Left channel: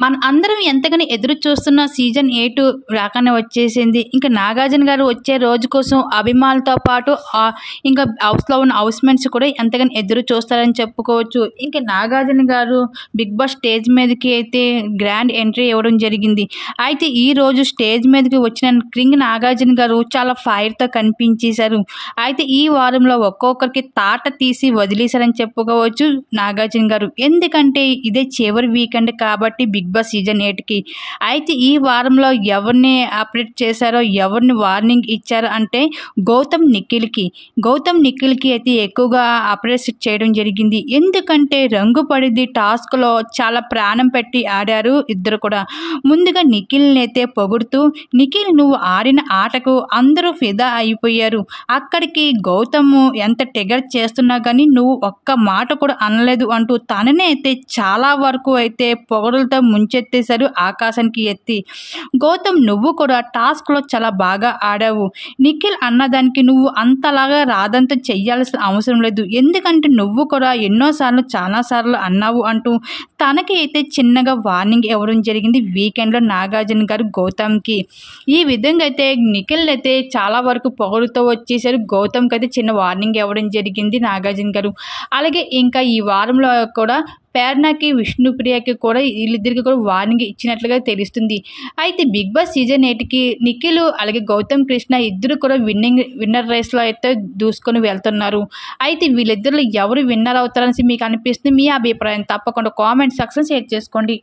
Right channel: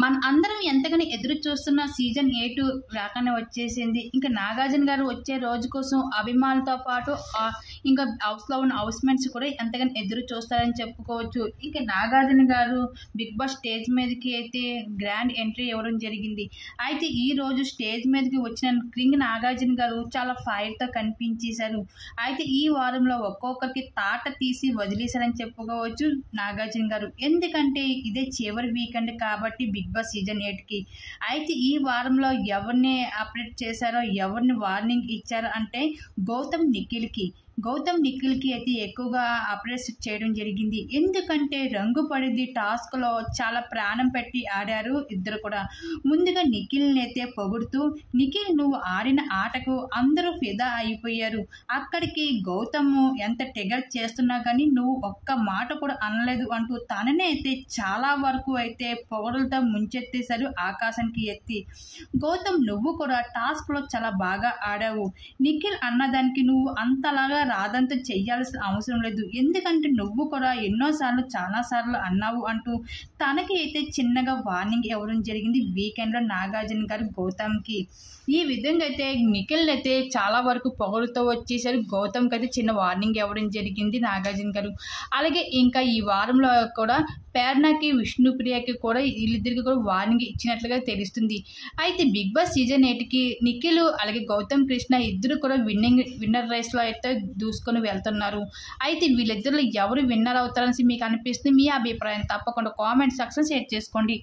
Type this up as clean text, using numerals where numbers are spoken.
మన అందరం ఎంతగానో ఎదురు చూస్తున్న సీజన్ 8 రాకనే వచ్చేసింది. ఇంకా నాగార్జున గారు వచ్చే రోజు కోసం అభిమానులతో పాటు ఇంకా హౌస్‌లో ఉన్న హౌస్‌మేట్స్ కూడా ఎంతగానో ఎదురు చూస్తారని చెప్పుకోవచ్చు. ఇంకా నాగార్జున గారు బిగ్ బాస్ స్టేజ్ మీదకి అయితే గ్రాండ్ ఎంట్రీ ఇవ్వడం జరిగింది. అయితే ఈ రోజు స్టేజ్ మీదకి వచ్చిన కింగ్ నాగార్జున గారు చాలా ఫైర్‌తో కనిపించేశారు. అయితే ఈ వారంలో ఒక్కొక్కరికి తాట తీసి వదిలేశారని చెప్పుకోవచ్చు నాగార్జున గారు. ఎందుకంటే ఇదే చివరి వీకెండ్ కాబట్టి బిగ్ బాస్ సీజన్ 8కి. అయితే ఈ వారంలో ఎవరిని అప్డేట్ చేశారో, ఎవరిని వార్నింగ్ ఇచ్చారో అంటే గౌతమ్ నిఖిల్‌కి అయితే ఎక్కువగా అప్డేట్స్ చేయడం జరిగింది. ఎందుకంటే రంగు పడిద్ది టాస్క్‌లో చాలా ప్రాణం పెట్టి ఆడారు ఇద్దరు కూడా. ముందుగా నిఖిల్‌ని అయితే పొగుడుతూ, నిఖిల్ నువ్వు ఆడిన ఆటకు అందరూ ఫిదా అయిపోయారు. అక్కడికి గౌతమ్ ఎంత ట్రిగర్ చేస్తున్నా కానీ నువ్వు ఒక్క మాట కూడా అనలేదు అంటూ తననే అయితే చాలా వరకు అయితే పొగడులతో ముంచెత్తేశారు ఆకాశానికి ఎత్తి. గౌతమ్ నువ్వు కూడా టాస్క్‌లో చాలా బాగా ఆడావు. నిఖిల్ అన్నదానికి నువ్వు అంతలాగా రాదంతం చెయ్యాల్సిన అవసరం లేదు. ఎందుకంటే నువ్వు కూడా చాలా సార్లు అన్నావు అంటూ తనకి అయితే చిన్నగా వార్నింగ్ ఇవ్వడం జరిగింది వీకెండ్‌లో నాగార్జున గారు గౌతమ్‌కి. ఈ విధంగా అయితే నిఖిల్ అయితే చాలా వరకు పొగడుతూ వచ్చేసారు. గౌతమ్‌కి అయితే చిన్న వార్నింగ్ ఇవ్వడం జరిగింది నాగార్జున గారు. అలాగే ఇంకా ఈ వారంలో కూడా ప్రేరణకి, విష్ణుప్రియకి కూడా వీళ్ళిద్దరికి కూడా వార్నింగ్ ఇచ్చినట్లుగా తెలుస్తుంది. అయితే బిగ్ బాస్ సీజన్ 8కి నిఖిల్ అలాగే గౌతమ్ కృష్ణ ఇద్దరు కూడా విన్నర్ రేస్‌లో అయితే దూసుకొని వెళ్తున్నారు. అయితే వీళ్ళిద్దరిలో ఎవరు విన్నర్ అవుతారనేసి మీకు అనిపిస్తుంది? మీ అభిప్రాయం తప్పకుండా కామెంట్ సెక్షన్‌లో షేర్ చేసుకోండి.